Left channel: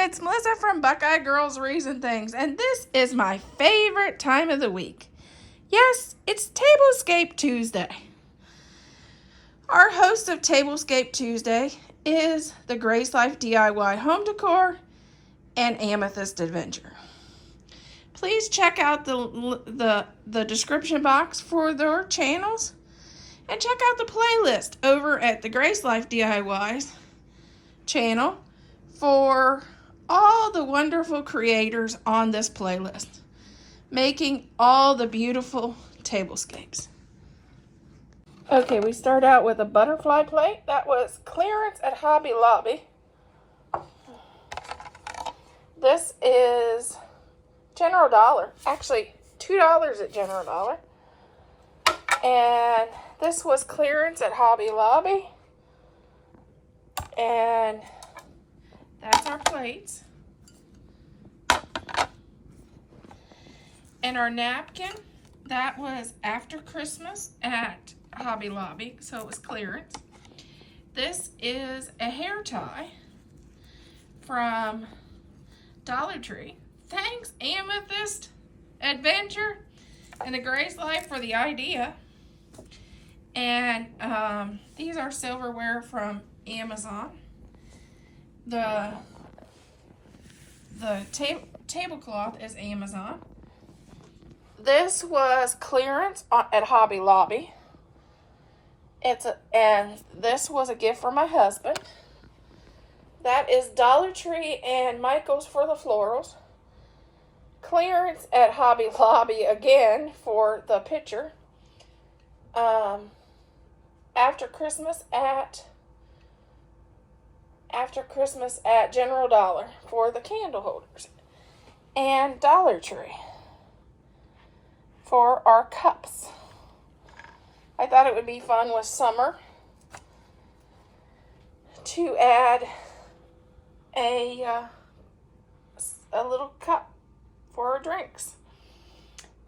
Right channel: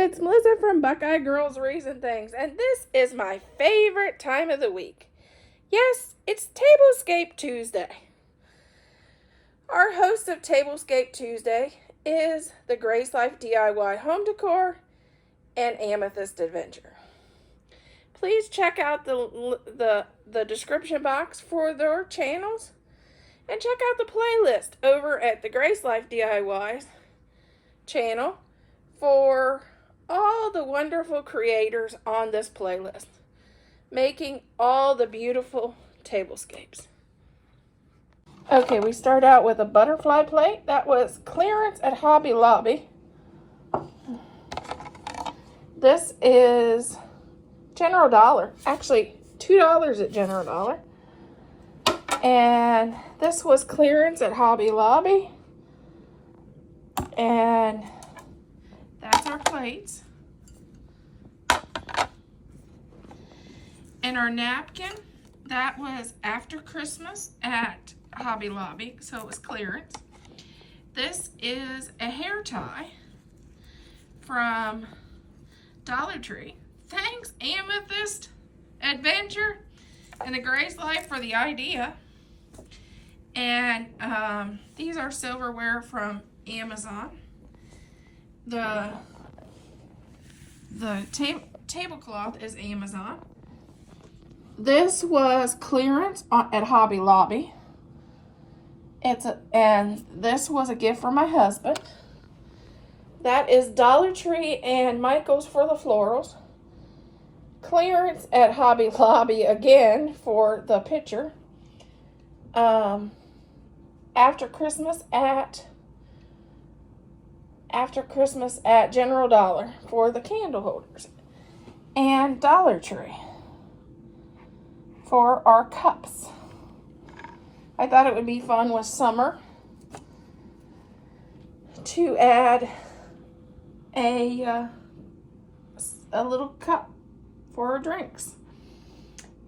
it's Melissa from Buckeye Girls Reason Things, and this is my favorite time of the week. Yes, it's Tablescape Tuesday. Our host of Tablescape Tuesday is the Grace Life DIY Home Decor and Amethyst Adventure. Please check out the description box for their channels and check out the playlist over at the Grace Life DIY's channel for all the wonderful creators on this playlist, making all the beautiful tablescapes. Okay, we start out with a butterfly plate that was clearance at Hobby Lobby. This is General Dollar, actually $2 at General Dollar. And this was clearance at Hobby Lobby. And that's our plates. And our napkin, that was after Christmas at Hobby Lobby, so it was clearance. This is a hair tie from Dollar Tree. Thanks, Amethyst Adventure and the Grace Life, for the idea. And these are silverware from Amazon. The tablecloth is Amazon. This was clearance at Hobby Lobby. And this was a gift for my husband. That is Dollar Tree and Michael's for the florals. Clearance at Hobby Lobby again for the picture. After Christmas at General Dollar for the candle holders, and Dollar Tree for our cups. I thought it would be fun with summer to add a little cup for our drinks.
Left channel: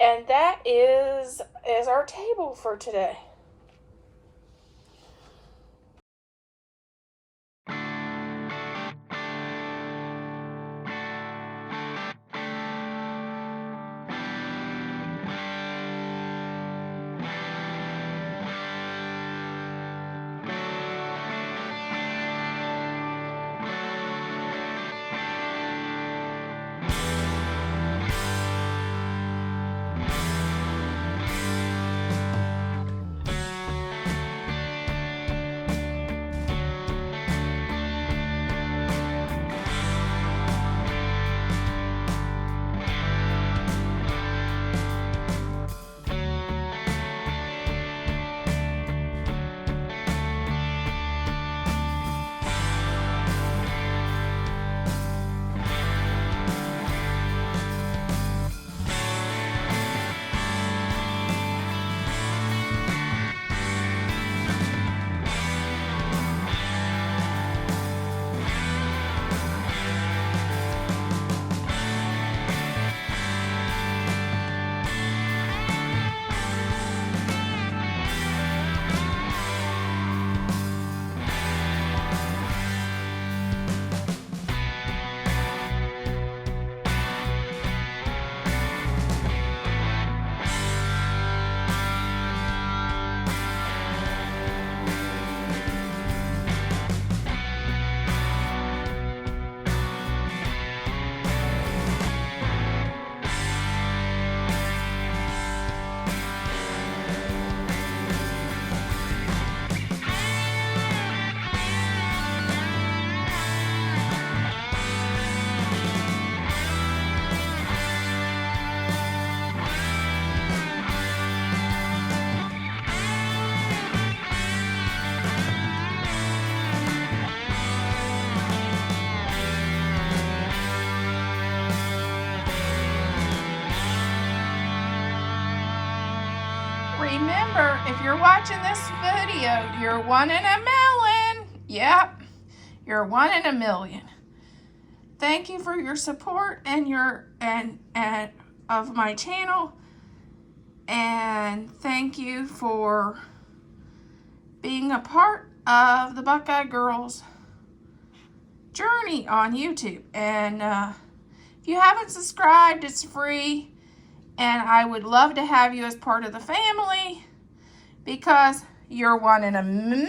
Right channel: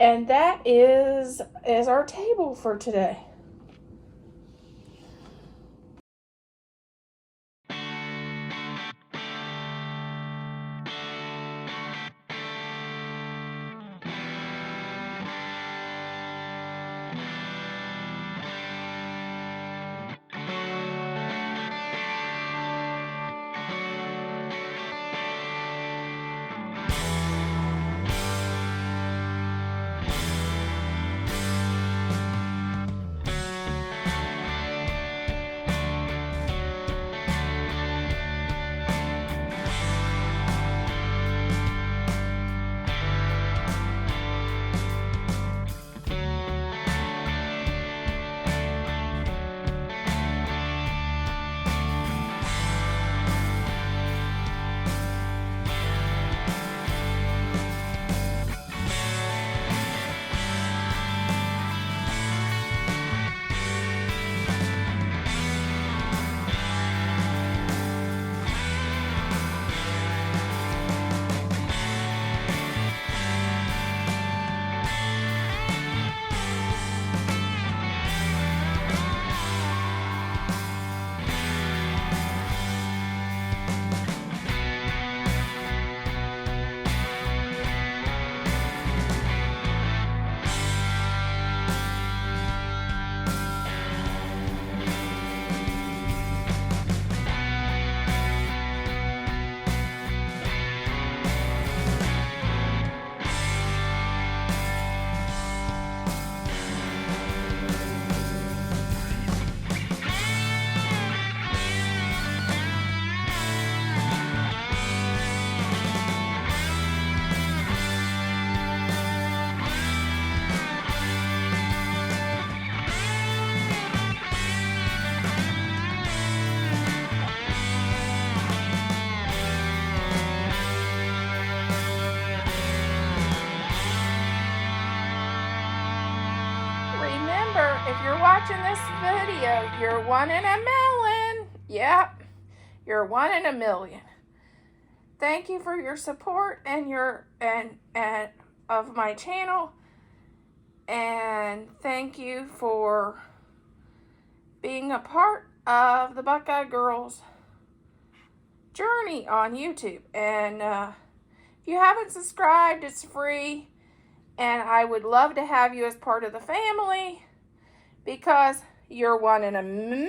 And that is our table for today. Remember, if you're watching this video, you're one in a million. Yep, you're one in a million. Thank you for your support and of my channel, and thank you for being a part of the Buckeye Girls journey on YouTube. And if you haven't subscribed, it's free. And I would love to have you as part of the family because you're one in a million.